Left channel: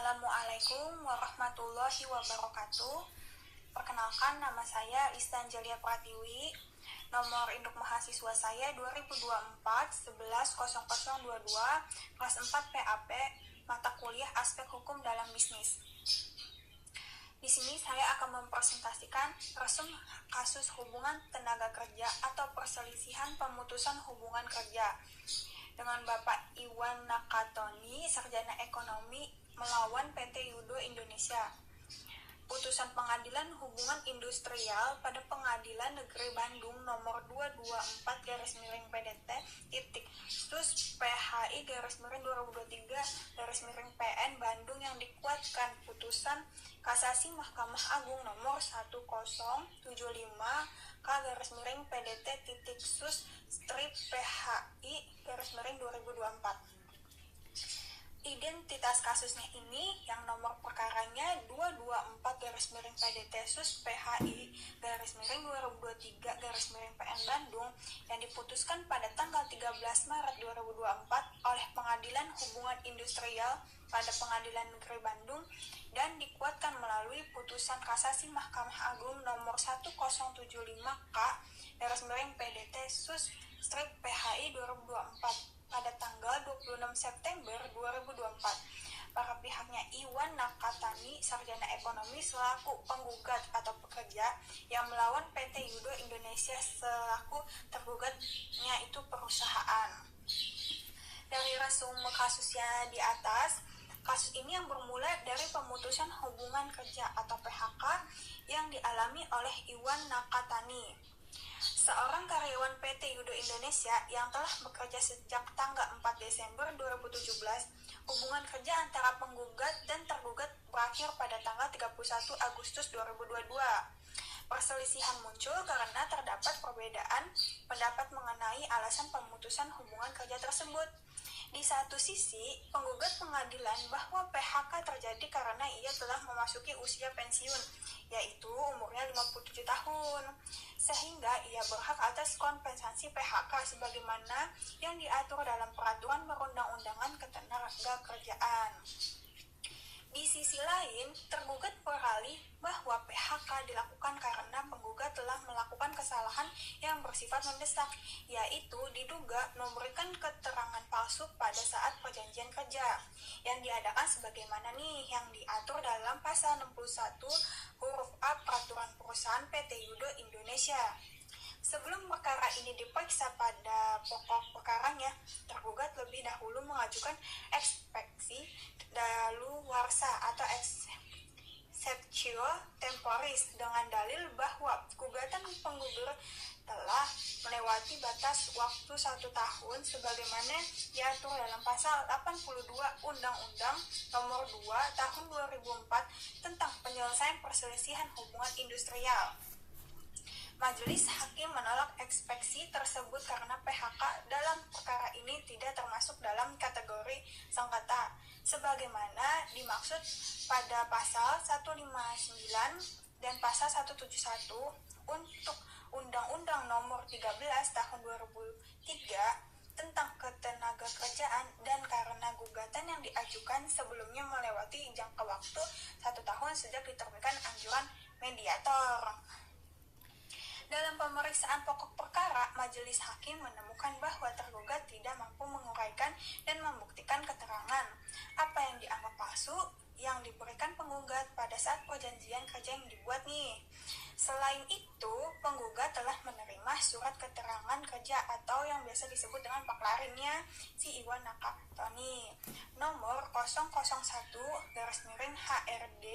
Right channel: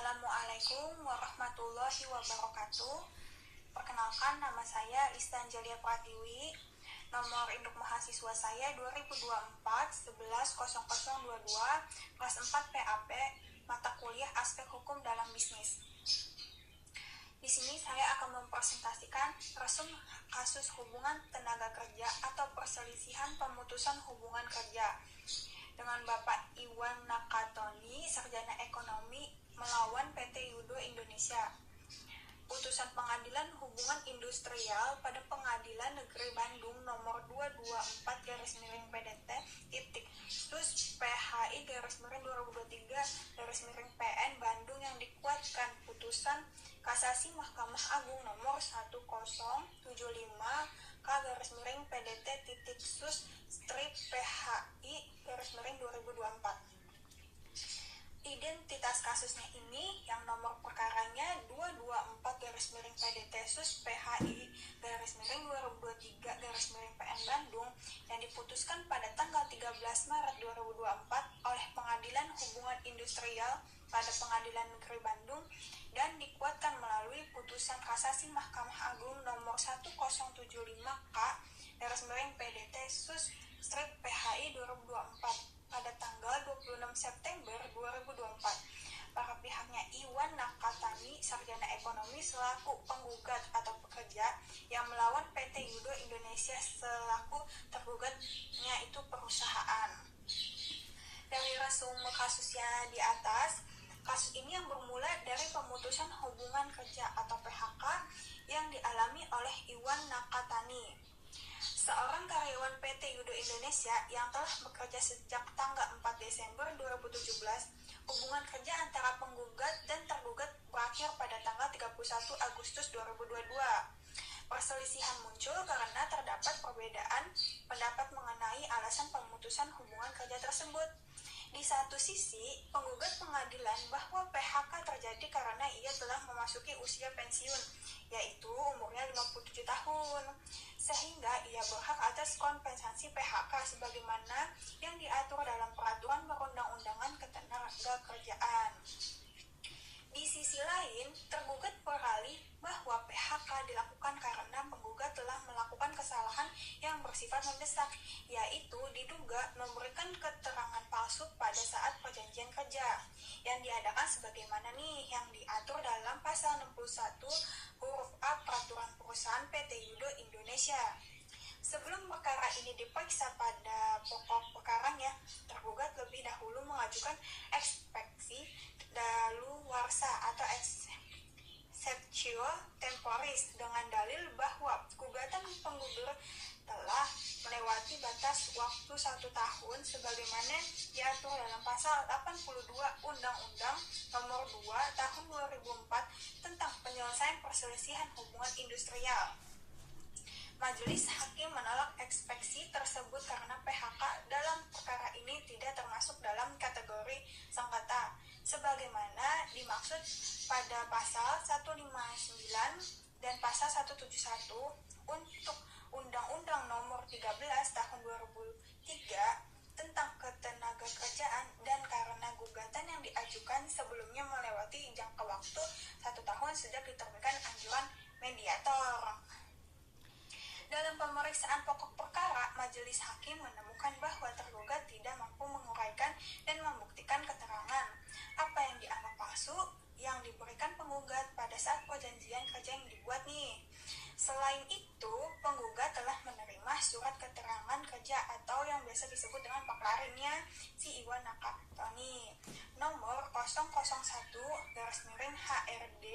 Assalamualaikum warahmatullahi wabarakatuh. Perkenalkan, nama saya Listan Jalia Pratiwi. Nomor induk mahasiswa saya 2024-110022, kelas 4 PAP, mata kuliah aspek hukum dalam bisnis. Di sini saya akan mempresentasikan resum kasus hubungan tenaga kerja atau perselisihan pemutusan hubungan kerja dengan Bapak Iwan Nakatoni, sarjana ekonomi, melawan PT Yudo Indonesia. Putusan Pengadilan Hubungan Industrial pada Pengadilan Negeri Bandung nomor 224/PDT / PHI 2023/PN Bandung yang dikuatkan putusan kasasi Mahkamah Agung nomor 1075/PDT PHI 2024. Identitas kasusnya ini yang nomor perkaranya 224/PDT PHI 2023/PN Bandung yang diputuskan pada tanggal 13 Maret 2024 oleh Pengadilan Hubungan Industrial pada Pengadilan Negeri Bandung dan dikuatkan melalui putusan kasasi Mahkamah Agung nomor 1075/PDT PHI 2024 pada tanggal 26 September 2024. Para pihaknya Iwan Nakatani, sarjana ekonomi selaku penggugat atau pekerja yang melawan PT Yudo Indonesia selaku tergugatnya itu perusahaan. Dari resume kasusnya di atas, kasus ini yang bermula dari pemutusan hubungan kerja atau PHK yang dialami oleh Iwan Nakatani, seorang karyawan PT Yudo Indonesia yang telah bekerja sejak tanggal 4 Desember 2017. Hubungan kerja antara penggugat dan tergugat berakhir pada tanggal 31 Agustus 2022. Perselisihan muncul karena terdapat perbedaan pendapat mengenai alasan pemutusan hubungan kerja tersebut. Di satu sisi, penggugat pengadilan bahwa PHK terjadi karena ia telah memasuki usia pensiun, yaitu umurnya 57 tahun, sehingga ia berhak atas kompensasi PHK sebagaimana yang diatur dalam Peraturan Perundang-undangan Ketenagakerjaan. Di sisi lain, tergugat beralih bahwa PHK dilakukan karena penggugat telah melakukan kesalahan yang bersifat mendesak, yaitu diduga memberikan keterangan palsu pada saat perjanjian kerja yang diadakan sebagaimana yang diatur dalam pasal 61 huruf A Peraturan Perusahaan PT Yudo Indonesia. Sebelum perkara ini diperiksa pada pokok perkaranya, tergugat lebih dahulu mengajukan ekspeksi daluarsa atau exceptio temporis dengan dalil bahwa gugatan penggugat telah melewati batas waktu 1 tahun sebagaimana diatur dalam pasal 82 Undang-Undang nomor 2 tahun 2004 tentang penyelesaian perselisihan hubungan industrial. Majelis hakim menolak ekspeksi tersebut karena PHK dalam perkara ini tidak termasuk dalam kategori sengketa sebagaimana dimaksud pada pasal 159 dan pasal 171 untuk Undang-Undang nomor 13 tahun 2003 tentang ketenagakerjaan, dan karena gugatan yang diajukan sebelumnya melewati jangka waktu 1 tahun sejak diterbitkan anjuran mediator. Dalam pemeriksaan pokok perkara, majelis hakim menemukan bahwa tergugat tidak mampu menguraikan dan membuktikan keterangan apa yang dianggap palsu yang diberikan penggugat pada saat perjanjian kerja yang dibuat Selain itu, penggugat telah menerima surat keterangan kerja atau yang biasa disebut dengan paklarinnya si Iwan Nakatoni nomor 001/HRD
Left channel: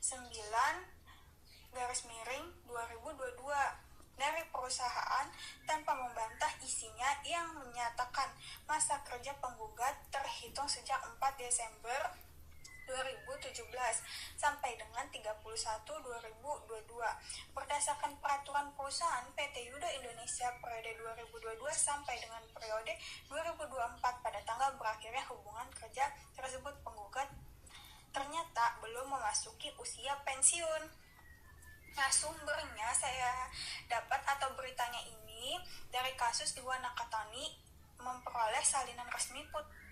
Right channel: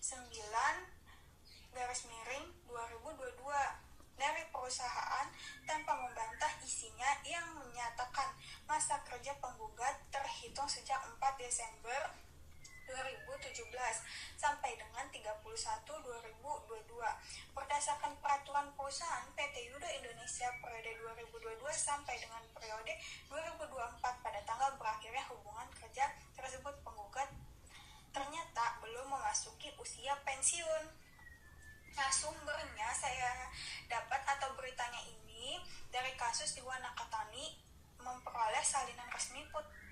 9/2022 dari perusahaan tanpa membantah isinya yang menyatakan masa kerja penggugat terhitung sejak 4 Desember 2017 sampai dengan 31/2022 berdasarkan peraturan perusahaan PT Yudo Indonesia periode 2022 sampai dengan periode 2024 pada tanggal berakhirnya hubungan kerja tersebut. Penggugat ternyata belum memasuki usia pensiun. Nah, sumbernya saya dapat atau beritanya ini dari kasus Iwan Nakatani memperoleh salinan resmi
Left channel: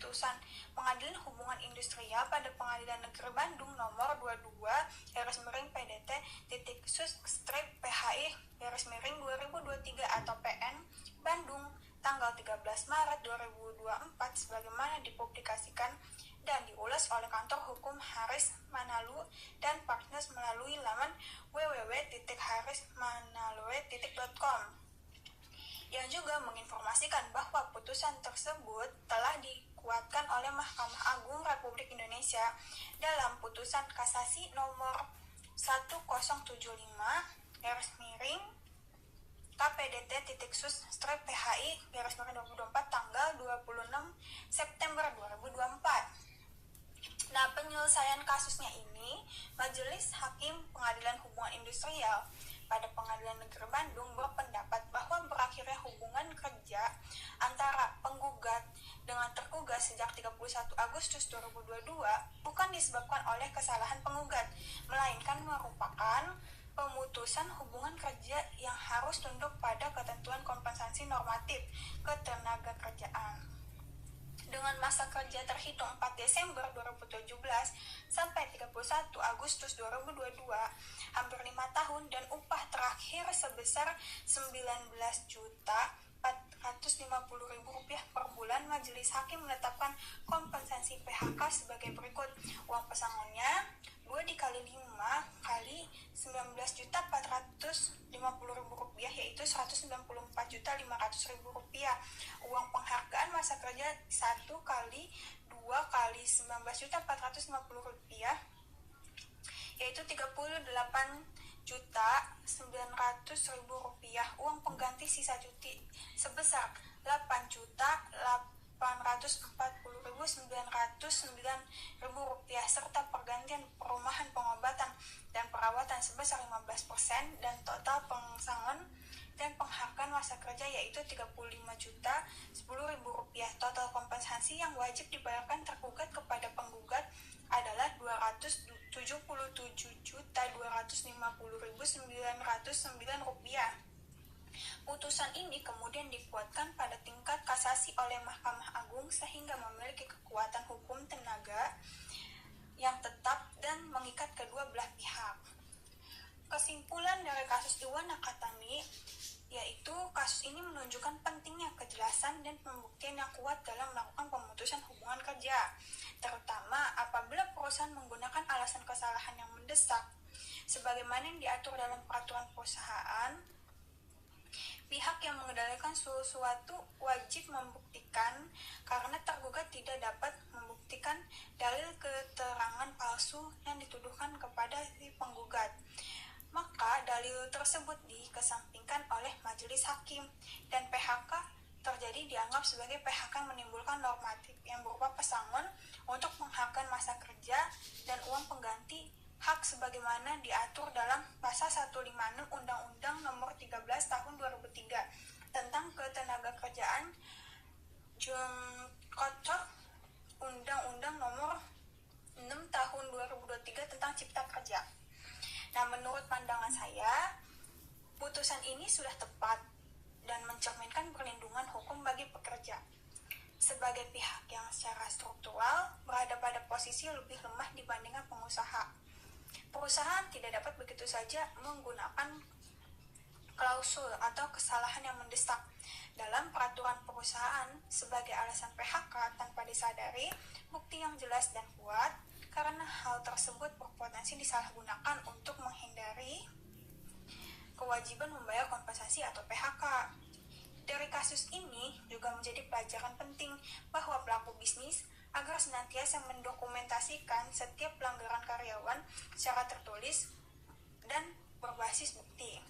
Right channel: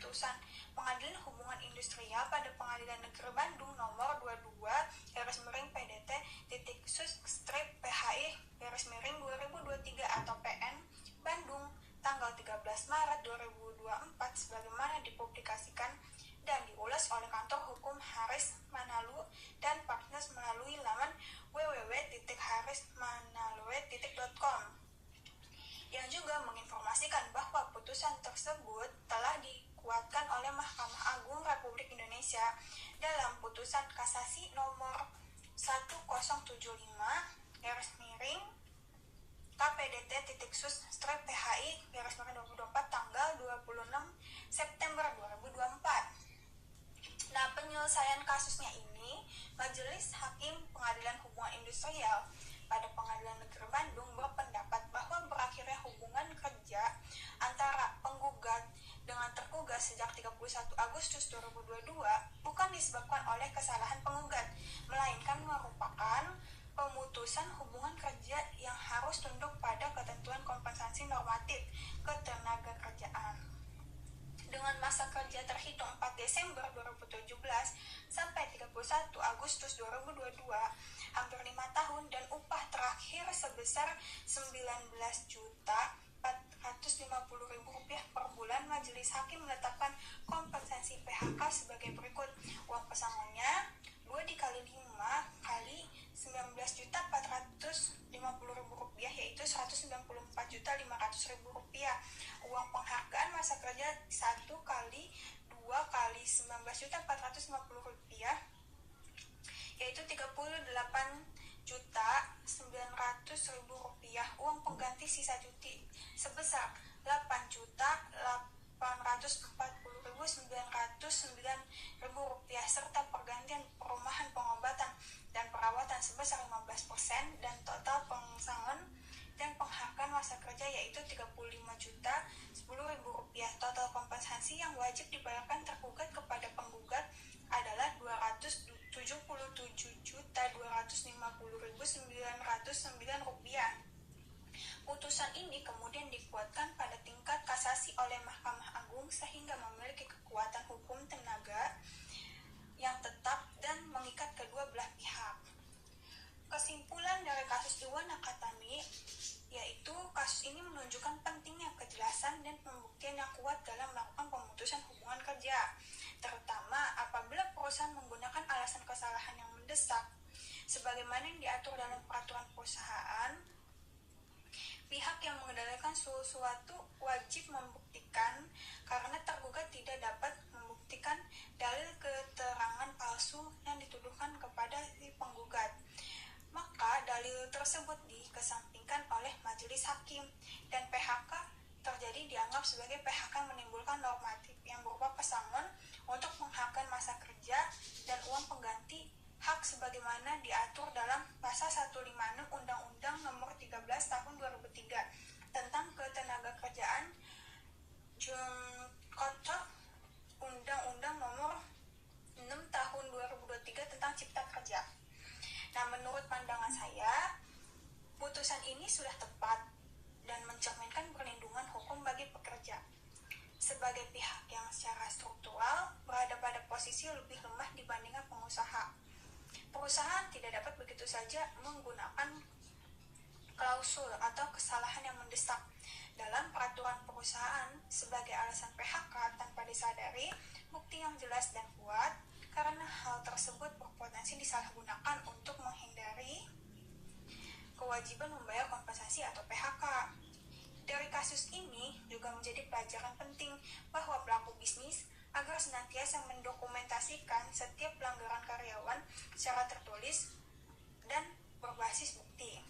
putusan Pengadilan Hubungan Industrial pada Pengadilan Negeri Bandung nomor 22-PDT-sus/PHI-2023 atau PN Bandung tanggal 13 Maret 2024 sebagaimana dipublikasikan dan diulas oleh Kantor Hukum Haris Manalu dan Partners melalui laman www.harismanalue.com, yang juga menginformasikan bahwa putusan tersebut telah dikuatkan oleh Mahkamah Agung Republik Indonesia dalam putusan kasasi nomor 1070/KPDT-sus/PHI-2024 tanggal 26 September 2024. Nah, penyelesaian kasusnya ini, Majelis Hakim Pengadilan Hubungan Industrial pada Pengadilan Negeri Bandung berpendapat bahwa berakhirnya hubungan kerja antara penggugat dengan tergugat sejak 31 Agustus 2022 bukan disebabkan oleh kesalahan penggugat, melainkan merupakan pemutusan hubungan kerja yang harus tunduk pada ketentuan kompensasi normatif ketenagakerjaan. Dengan masa kerja terhitung 4 Desember 2017 sampai 31 Agustus 2022, hampir 5 tahun, dan upah terakhir sebesar Rp19.450.000 per bulan, Majelis Hakim menetapkan kompensasi PHK sebagai berikut. Uang pesangonnya 2 dikali 5 kali Rp19.450.000, yaitu Rp194.500.000. Uang penghargaan masa kerja 1 kali 2 kali Rp19.450.000, yaitu Rp38.900.000. Uang pengganti sisa cuti sebesar Rp8.840.909, serta pergantian perumahan, pengobatan, dan perawatan sebesar 15%, dan total pesangon dan penghargaan masa kerja yaitu Rp35.010.000. Total kompensasi yang wajib dibayarkan tergugat kepada penggugat adalah Rp277.250.909. Putusan ini kemudian dikuatkan pada tingkat kasasi oleh Mahkamah Agung sehingga memiliki kekuatan hukum tenaga yang tetap dan mengikat kedua belah pihak. Kesimpulan dari kasus Iwan Nakatani yaitu kasus ini menunjukkan pentingnya kejelasan dan pembuktian yang kuat dalam melakukan pemutusan hubungan kerja, terutama apabila perusahaan menggunakan alasan kesalahan yang mendesak. Sebagaimana yang diatur dalam peraturan perusahaan, pihak yang mengendalikan sesuatu wajib membuktikan karena tergugat tidak dapat membuktikan dalil keterangan palsu yang dituduhkan kepada si penggugat. Maka dalil tersebut dikesampingkan oleh majelis hakim dan PHK terjadi dianggap sebagai PHK menimbulkan normatif yang berupa pesangon untuk mengharapkan masa kerja dan uang pengganti hak sebagaimana diatur dalam pasal 156 Undang-Undang Nomor 13 Tahun 2003 tentang Ketenagakerjaan Kocok Undang-Undang Nomor 6 Tahun 2023 tentang Cipta Kerja. Nah, menurut pandangan saya, putusan ini sudah tepat dan mencerminkan perlindungan hukum bagi pekerja. Sebagai pihak yang secara struktural berada pada posisi lebih lemah dibandingkan pengusaha, perusahaan tidak dapat begitu saja menggunakan klausul atau kesalahan yang mendesak dalam peraturan perusahaan sebagai alasan PHK tanpa disadari bukti yang jelas dan kuat, karena hal tersebut berpotensi disalahgunakan untuk menghindari kewajiban membayar kompensasi atau PHK. Dari kasus ini juga menjadi pelajaran penting bahwa pelaku bisnis agar senantiasa mendokumentasikan setiap pelanggaran karyawan secara tertulis dan berbasis bukti,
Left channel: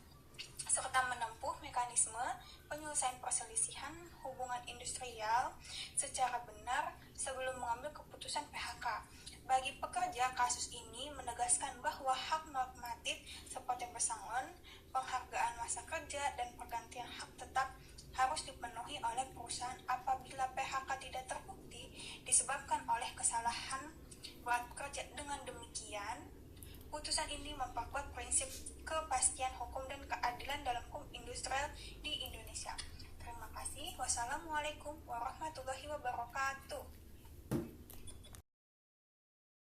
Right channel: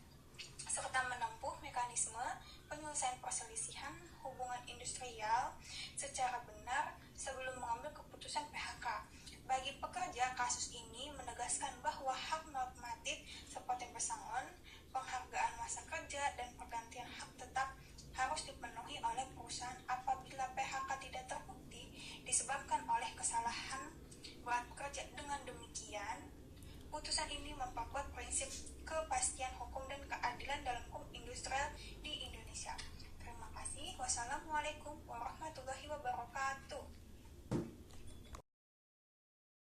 serta menempuh mekanisme penyelesaian perselisihan hubungan industrial secara benar sebelum mengambil keputusan PHK. Bagi pekerja, kasus ini menegaskan bahwa hak normatif seperti pesangon, penghargaan masa kerja, dan pergantian hak tetap harus dipenuhi oleh perusahaan apabila PHK tidak terbukti disebabkan oleh kesalahan buat pekerja. Dengan demikian, putusan ini memperkuat prinsip kepastian hukum dan keadilan dalam hukum industrial di Indonesia. Terima kasih. Wassalamualaikum warahmatullahi wabarakatuh.